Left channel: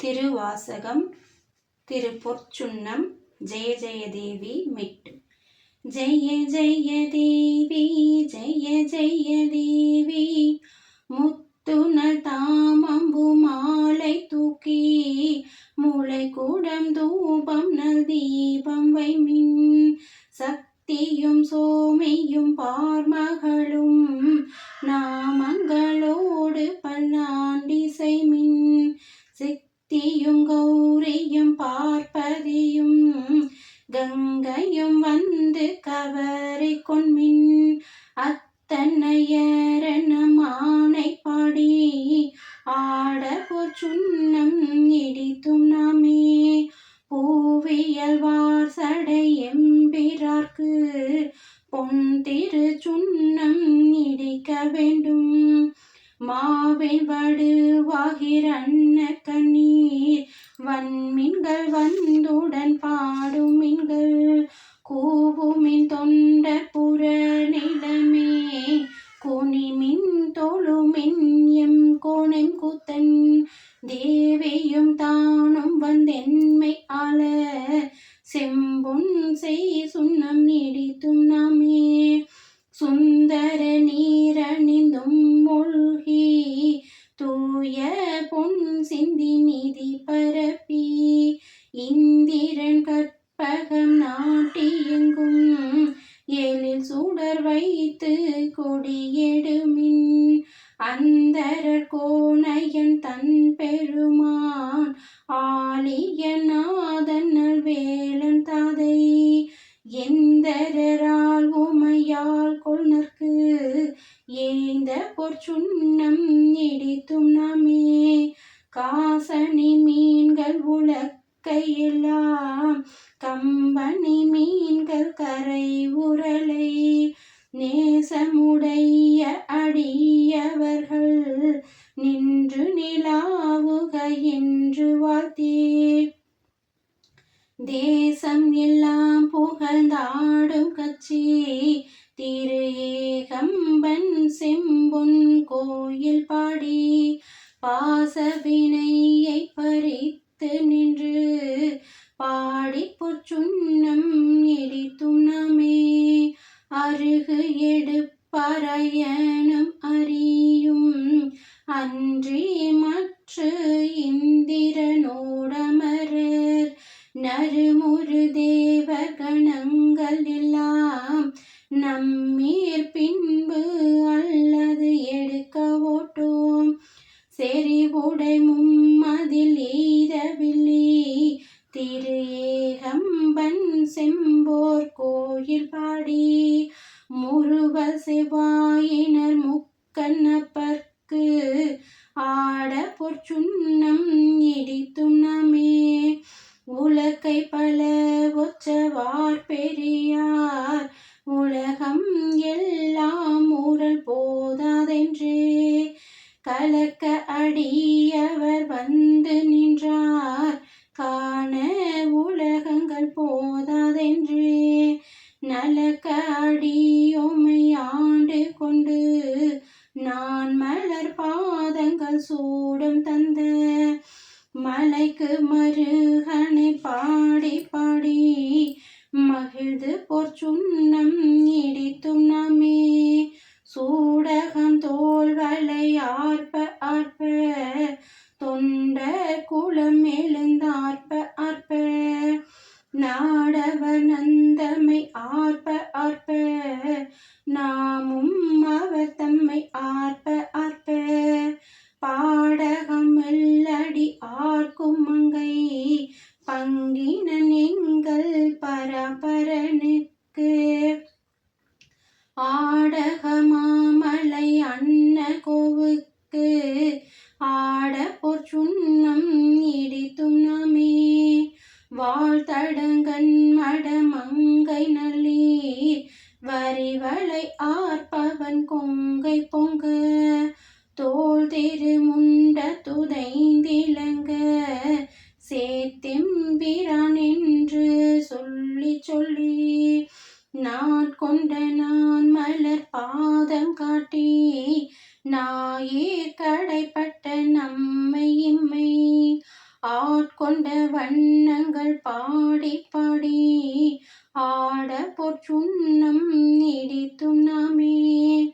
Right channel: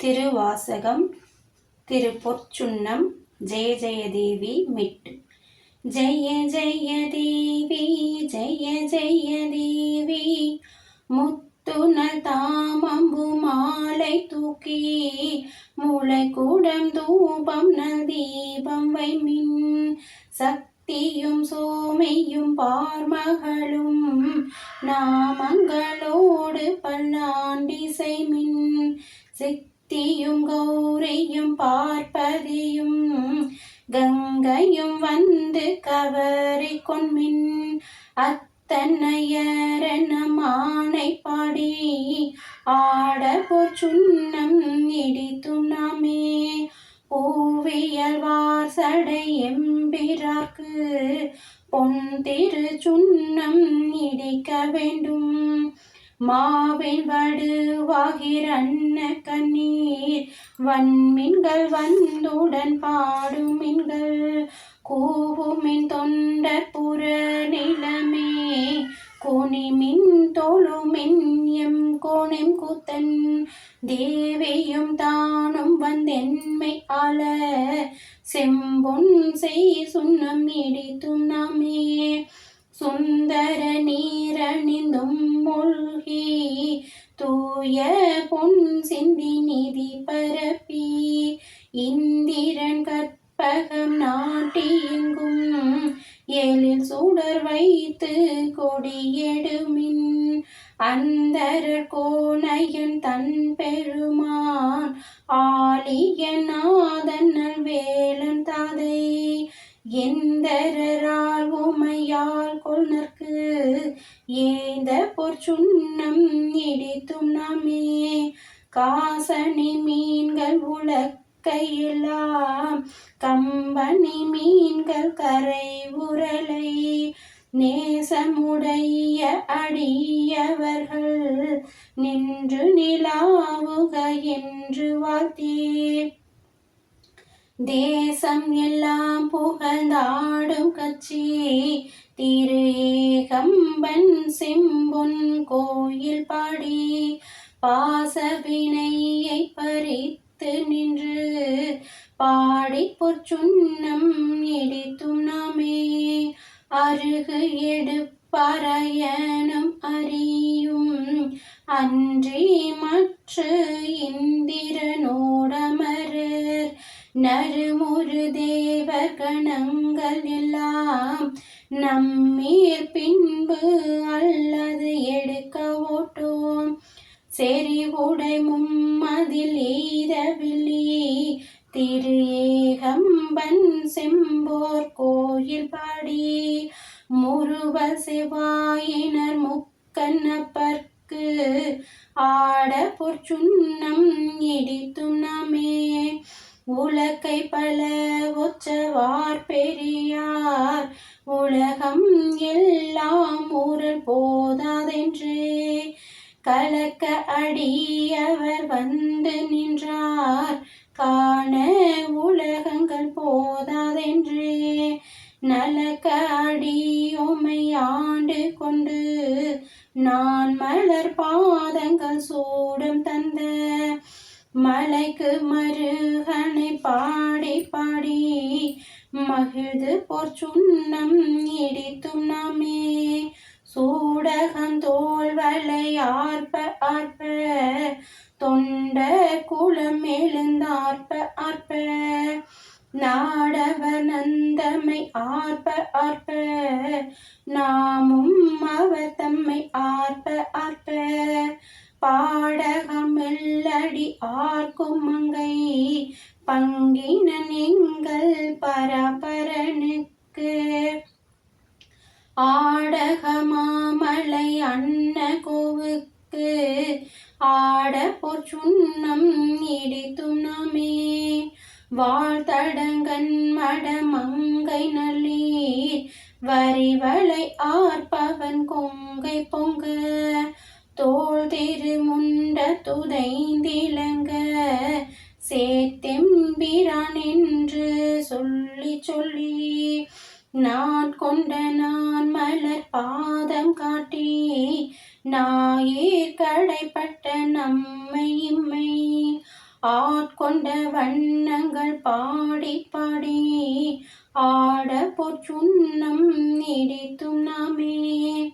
திருவாசகம் திருப்பொற்சுன்னம் ஜெய ஜெயதேவி மிட்டு. ஜெய ஜெய தேவி ஜெய ஜெய தேவி முத்துன தாமம்பு மாலை தூக்கி மூளை கூடம் தூபம் தீபம் வை மின் சக்தியும் சோமையும் பார்மகளும் நாமங்களோ மாவின் வடுவாகிற அன்ன கண்ணீர் வன்மின்கள் வந்துடன் பாடும் மின்கள். கூவுமின் தொண்டர் புற நிலமே. குனிமின் தொழுமின் எம் கோணம் கூத்தன். தேவியும் தானும் வந்தென்மை ஆள. செம்பொன் செய் சுண்ணம் நீடித்தும் நாமே. சுந்தர நீரணிந்தும் தூய பொன் சிந்தி நிதி பரப்பி இந்திரன் கற்பகம் நாட்டியெங்கும் எழில் சுடர் வைத்து கொடியெடுமின் அந்தர கோணையன் தன் பெருமான் ஆலிய நாதன் வேலன் தாதை எந்தரால் உமையால் கொள்னர்க்கு ஏந்த பொற்சுண்ணம் இடித்தும் நாமே. காசனி மீன்கள் உலக்கையிலாம் கம்பனி மீன்கள் கரை உரலை. நேசமுடைய அடியவர்கள் நின்று நிலாவுக என்று வாழ்த்தே. தேசம் எல்லாம் புகழ்ந்தாடும் கட்சி திரு ஏகம்பன் செம்பொன் கோயில் பாடி பாசவினை எல்லாம் கொண்டு நான் மலர் பாதங்கள் சூடம் தந்த மலைக்கு மருகனை பாடி பாடி மகிழ்ந்து போர் சுண்ணம் இடித்தும் நாமே. சூடகம் தோல் வலை ஆர்ப்ப ஆர்ப்ப. தொண்ட குளம் எழுந்தார்ப்ப ஆர்ப்ப நாடவ நந்தமை ஆர்ப்ப ஆர்ப்ப. நாமும் ஆர்ப்ப ஆர்ப்ப. பாடகம் மெல்லடி ஆர்க்கும் மங்கை. பங்கினன் எங்கள் பரபரனுக்கு. ஆடகமாமலை அன்ன கோவுக்கு. ஆட சுண்ணம் இடித்தும் நாமே. வாழ்த்தடங்கன் மடமங்கை நல்லீர். வரிவள நான் மலர் பாதம் காட்டி நாயே கடைப்பட்ட நம்மை இம்மை. ஆட்கொண்ட வண்ணங்கள் பாடி பாடி ஆட பொற்சுண்ணம் இடித்தும் நாமே.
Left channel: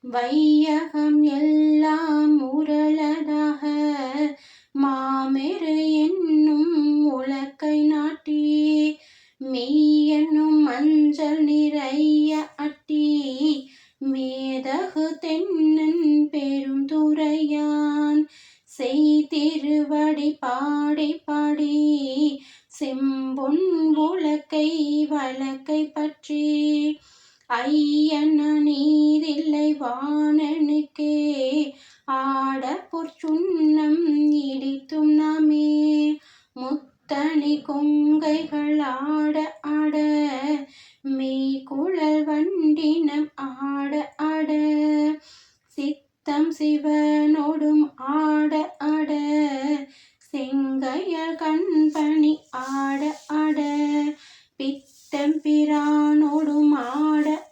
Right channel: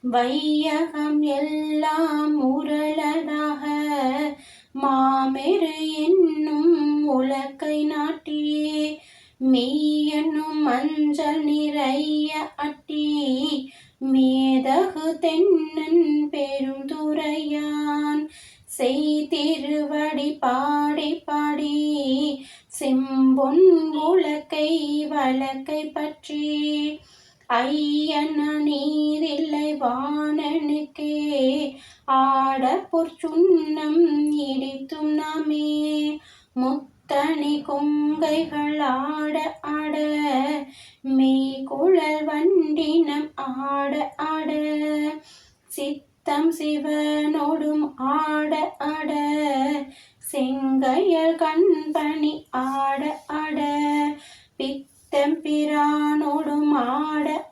வையகம் எல்லாம் பொற்சுண்ணம் இடித்தும் நாமே. முத்தணி கொங்கைகள் ஆட ஆட மெய்குழல் வண்டினம் ஆட ஆட சித்தம் சிவனோடும் ஆட ஆட செங்கையல் கண்பணி ஆட ஆட பித்தம் பிரானோடும் ஆட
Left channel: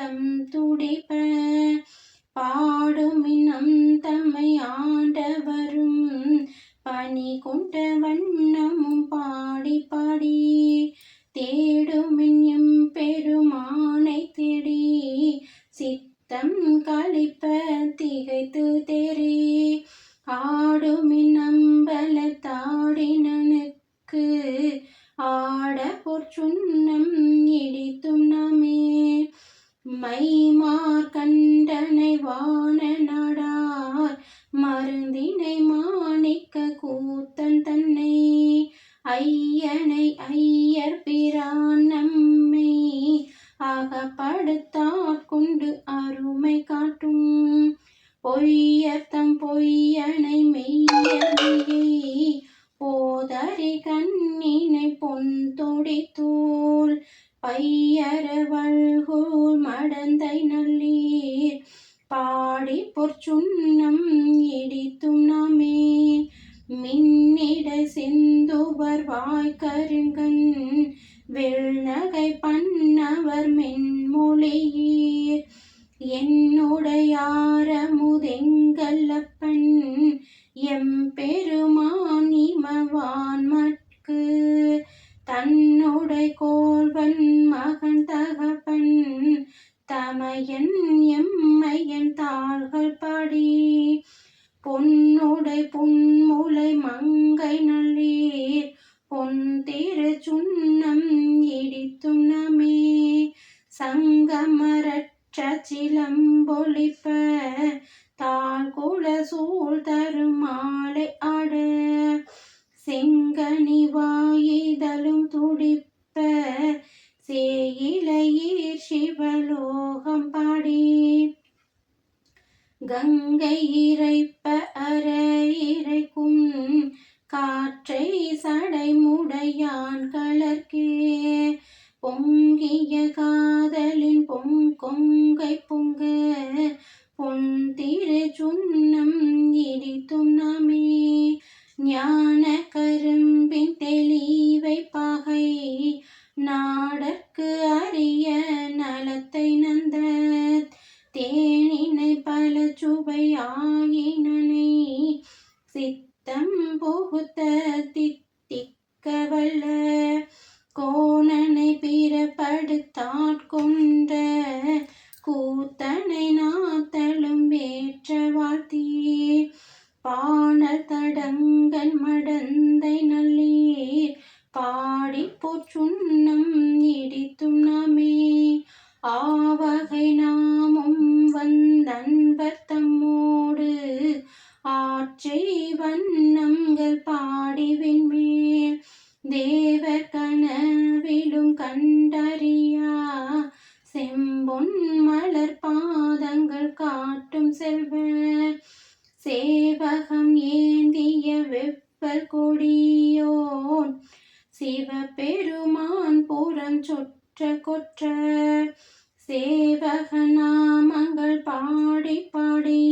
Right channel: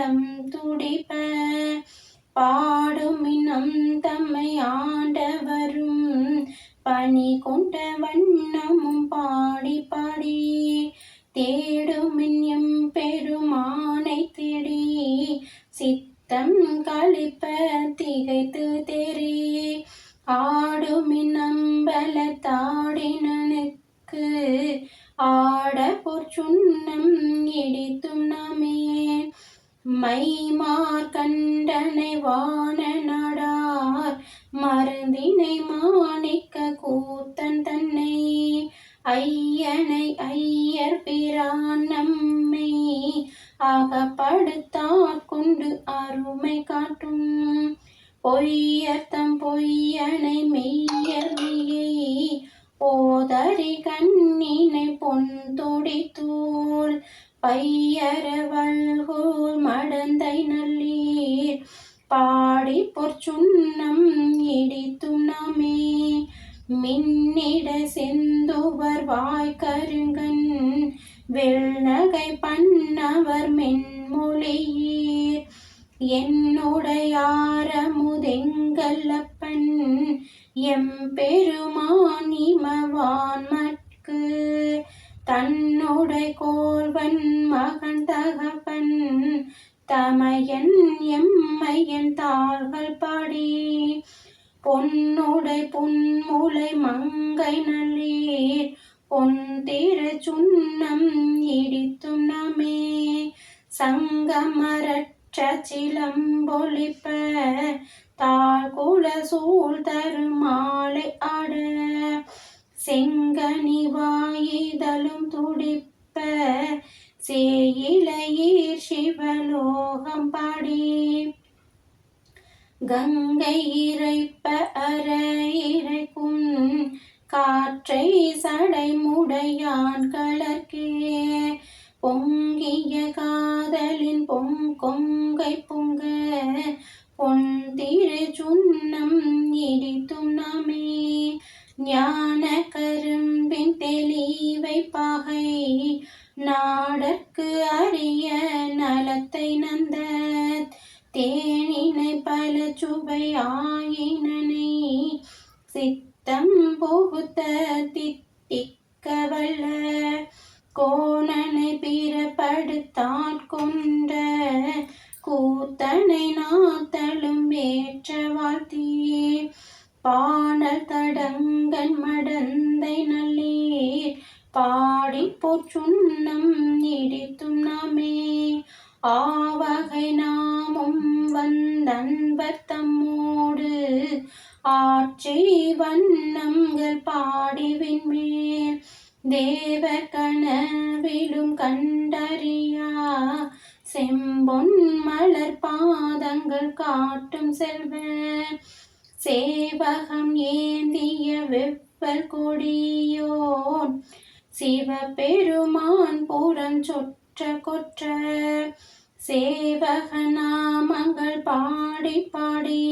திறந்தம்பவளம் துடிப்ப பாடும் இனம் தம்மை ஆண்டவரும். பணி கொண்ட வண்ணமும் பாடி பாடி தேடும் எம் பெருமானை தேடி சித்தம் கழிப்ப திகைத்து தெரி ஆடுமின் அம்பல தாடினனுக்கு ஆட பொற்சுண்ணம் மைமார் கண்டனை வான நடார் மருந்தினை மாணிக்க கூத்தன் தன்னை ஐயனை ஐயர் பிரான் நம்மை அகப்படுத்தார் கொண்டு அருமை காட்டும். பொய்யர்த்தம் பொய்யனை மெய்யறியை போதறி கண்ணினை பொன் தொடித்தூள் பையரவல்கோல் மடந்தை நல்லீர். பாடி பொற்சுண்ணம் இடித்தும் நாமே மின்னிட செந்தோவர் வாய்க்கருங்கன் வெள்நகை பண்ணவர் மென்மொழியீர். என்னுடையாரமுதெங்கல்லப்பன். எம் பெருமான் இமவான் தன்னுடை கோல்வன் மகன் தகப்பன் தமையன் எம்மையன் தாள்கள் பாடி. பொன்னுடை புன்முலை மங்கை நல்லீர் பொன் திரு சுண்ணம் இடித்தும் நமே. சங்கமரற்ற சிலம்பொழிப்ப தாழ் கூட சூழ் தரும் மாலை செங்கனி வாயிதழும் துடிப்ப சேயிலையீர் சிவலோகம் பாடி. கங்கை இறைப்ப அற இறைக்கும் காற்றை சடைமுடையான் நாடற்கு அறிய நலத்தை நந்த தேனினை பல சுவை ஆயினனை சித்தம் புகுத்த தித்திக்க வல்ல கோணனை பிறப்படுத்தாட்கொண்ட கூத்தனை நாத்தலும் ஏற்ற வாழ்த்தி பாணர் தடங்கன் மடந்தை நல்லி பாடி போற்றுண்ணம் நீடித்தும் நாமே. ஆவகை நாமும் வந்தன்பர் தம்மோடு. ஆட்சி வண்ணங்கள் பாடி விண்மேல் தேவர் கனவிலும் கண்டறியா. செம்பொன் மலர் பாதங்கள் காட்டும் செல்வ சேவகம் ஏந்திய வெப்பல் கொடியோன். சிவபெருமான் புறம் சொற்ற கொற்ற நாமங்கள் பாடி பாடி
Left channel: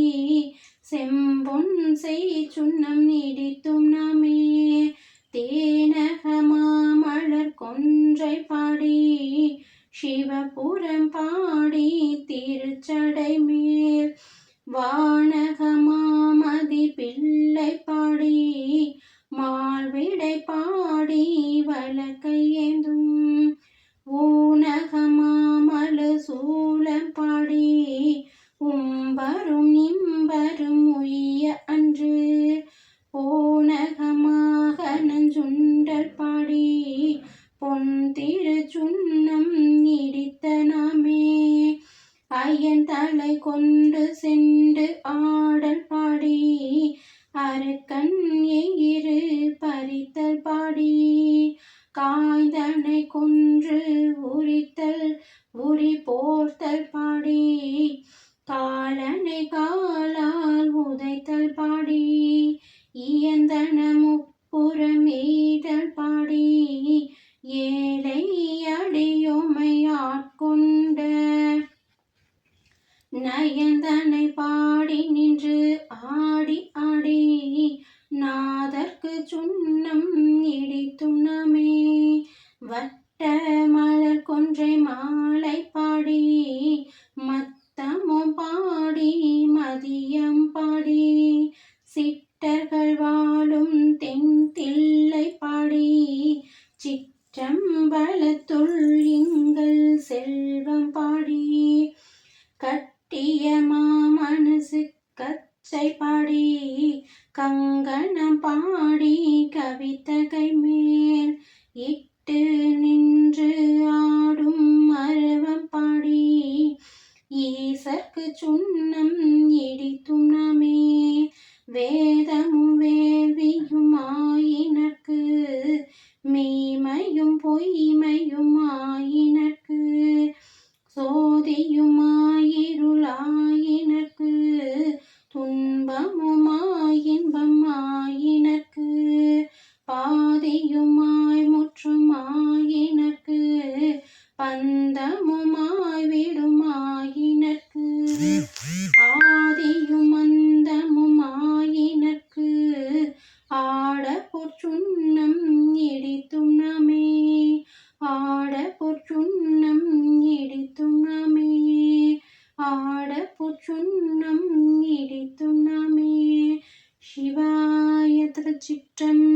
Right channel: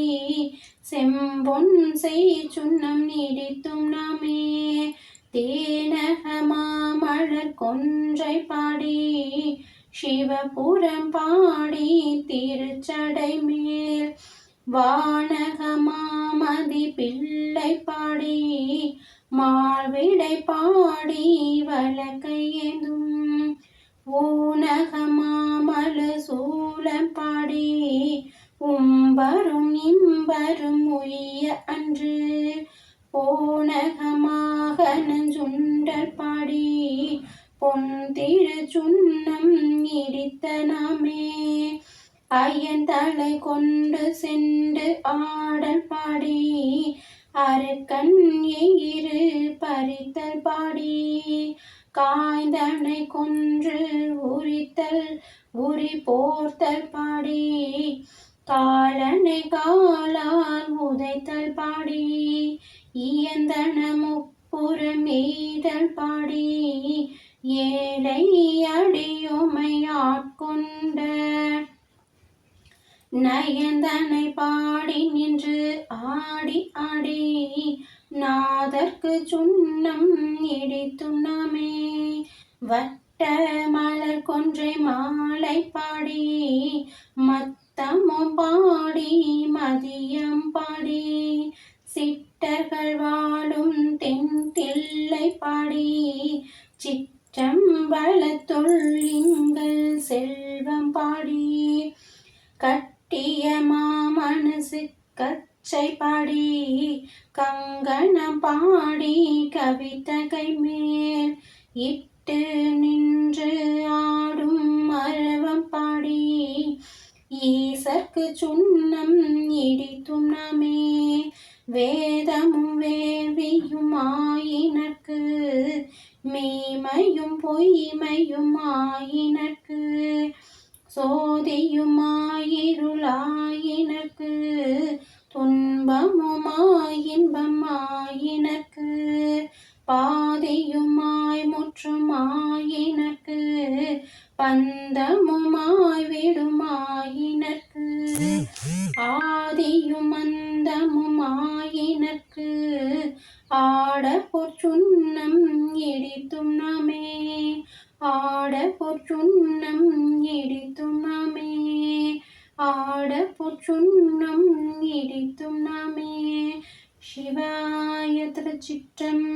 செம்பொன் செய் சுண்ணம் நீடித்தும் நாமே தேனக மாமலர் கொன்றை பாடி சிவபுரம் பாடி திருச்சடை மேல் வானக மாமதி பிள்ளை பாடி மாழ்விடை பாடி வழக்கையேந்தும் ஊனகமாமல மாமலு பாடி உம்பரும் இம்பரும் காய்தனை கொன்று உரித்தல் உரி போர்த்தல் பாடி காலனை கா சுண்ணம் இடித்தும் வட்ட மலர் கொன்றை மாலை பாடி மத்தமும் பாடி மதியம் பாடி. சிட்டர்கள் வாழும் தென் தில்லை பாடி சிற்றம்பலத்துள் எங்கள் செல்வம் பாடி. கட்டிய மாமனசு கச்சை பாடி கங்கணம் பாடி கவிதகை மேல் இட்டு நின்று ஆடும் மரவம் பாடி ஈசர்க்கு சுண்ணம் இடித்தும் நாமே. வேதமும் வேள்வியும் ஆயினர்க்கு மீமையும் பொய்மையும் ஆயினர்க்கு சோதியுமா ஆட பொற்சுண்ணம் இடித்தும் நாமே ஆட பொற்சுண்ணம் இடித்தும் நாமே ஆட பொற்சுண்ணம் இடித்தும் நாமே சிவாய திருச்சிற்றம்பலம்